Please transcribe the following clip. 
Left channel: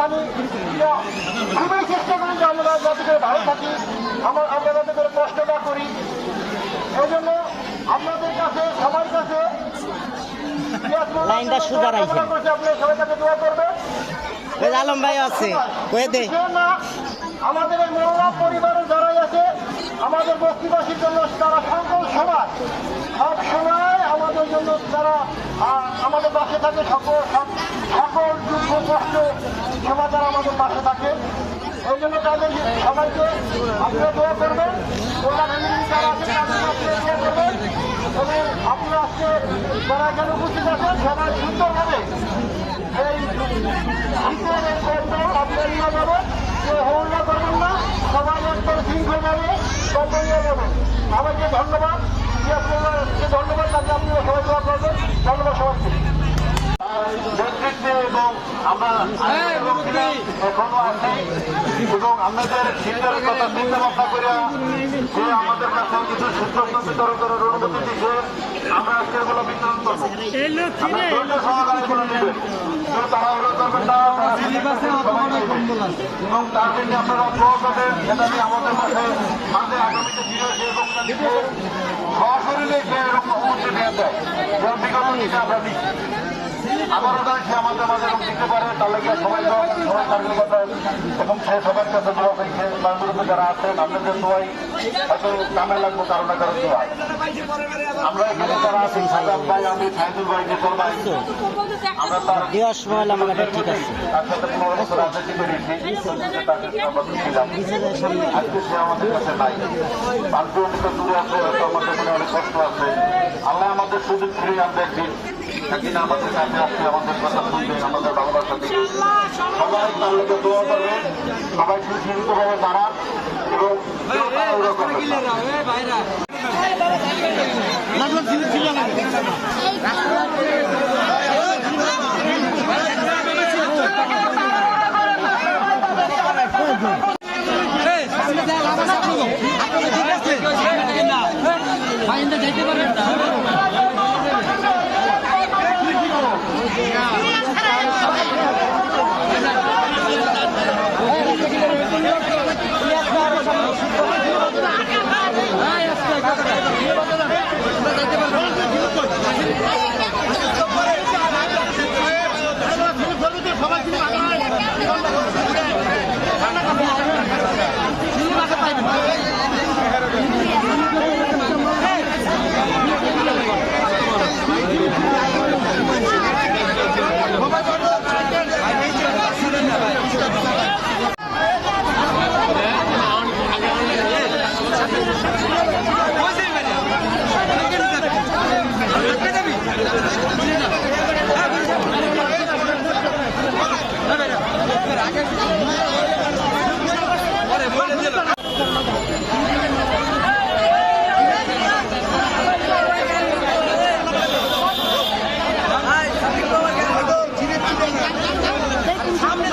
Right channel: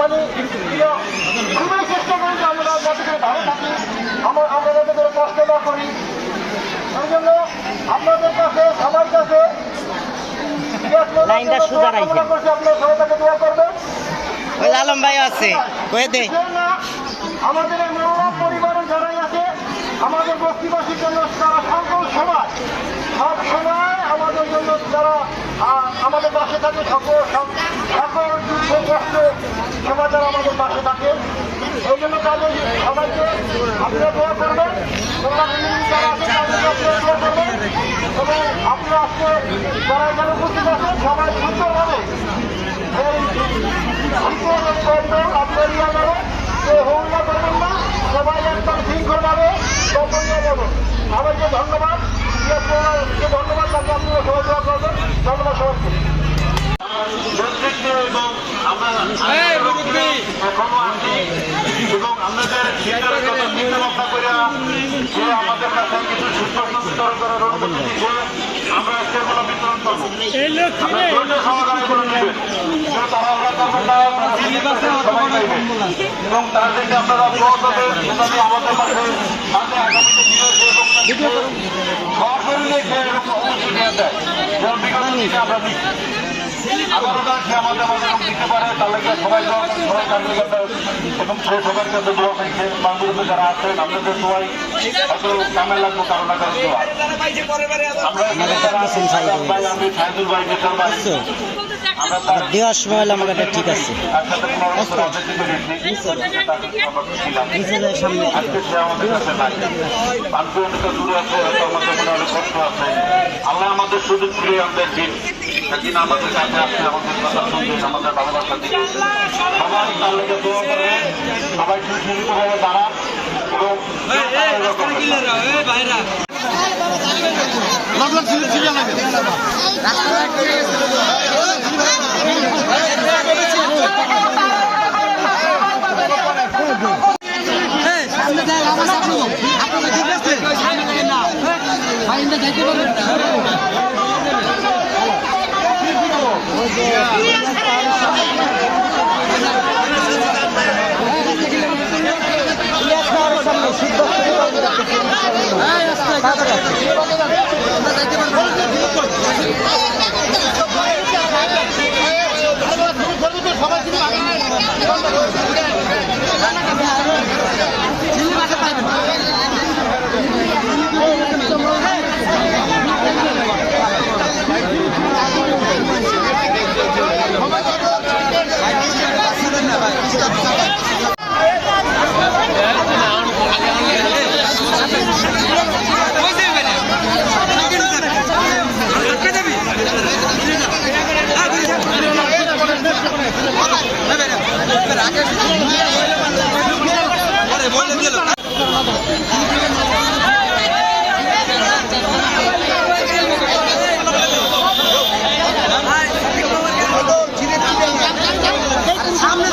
মানে খুবই চেষ্টা করি যে আমরা যাতে করে ভালো থাকি, আমরা যাতে করে কষ্ট না করি। এই জন্য আপনাদের কাছে সবার কাছে লাইনটা সুদা রাখেন। আপনার সবাইকে দোয়া করবেন। আলম ভাই আছে আমাদের এই মহিলা পরিবারের যারা আছে আমাদের বস্তিবাসীর জন্য তারা সকল সময় সব সময় আমাদের জন্য তারা আমাদের পাশে থাকে, সকল দুঃখ কষ্ট সময় তারা আমাদের পাশে থাকে। এই জন্য তাদের সবাইকে আপনারা দোয়া করবেন, যারা আছে তাদেরকে আপনারা দোয়া করবেন এবং আপনারা আজকে যারা এখানে উপস্থিত আছেন সবাই সুন্দরভাবে এই আপনার ইয়া যাবে হল্লা করবেন না, সবাই একদম শৃঙ্খলভাবে কর্তব্য যাবেন। সবাইকে ধন্যবাদ, ধন্যবাদ তাকে আপনারা সবাই দোয়া করবেন। ধন্যবাদ সবাইকে। এবং আমরা এখনো আছি এবং আপনাদের চিন্তার কথা চিন্তা ভাবনা করে আমাদের কাছে কিছু সুস্পষ্ট বিতরণ করার অনুমতি দিচ্ছে। আমরা সেগুলো বিতরণ করবো, আমরা ধৈর্য সহকারে এগুলো নেবেন, তাড়াহুড়া করবেন না এবং তার থেকে আপনারা অভিভাবক আমাদের মাঝে আগামীতে ফিরে এবং সশরীরে সে এরকম অবশ্যই নিয়ে দেয় যেমন বিগত দিনে আমরা দিচ্ছি। আবারও সে আমাদের মাঝে দিতে পারে, তার লাগে সবাই কার্যকর্তা এবং সবার কাছে দোয়া পাইছে। বাংলাদেশে যারা আছেন আপনাদের দোয়াই হয়তো কামে লাগবো কারো না কারো দোয়া। আমরা এখানে যারা আছেন ভাই, আমি সাইদুল ভাই, নেতার ভাই, আমরা তার দেওয়ার সময় আমাকে ঠিক আছে তার সাথে 15 বছর রাজনীতি করেছি, ছিলাম। আজকে সে আমাদের কাছে নাই, বান্ধব অনেকটা দূরে আছে, হয়তো আমাদের মনে অনেক কষ্ট আছে। আল্লাহ আমাদের সুযোগ ফিরিয়ে আনবেন দিন আমাদের কাছে আসছে, আমাদের কথা শুনবেন, আমাদের ভালোবাসা দিবেন। সবাই তার লেগে দোয়া করবেন, সবাই সুশৃঙ্খলভাবে দাঁড়ান এবং সবাই কিন্তু সামনে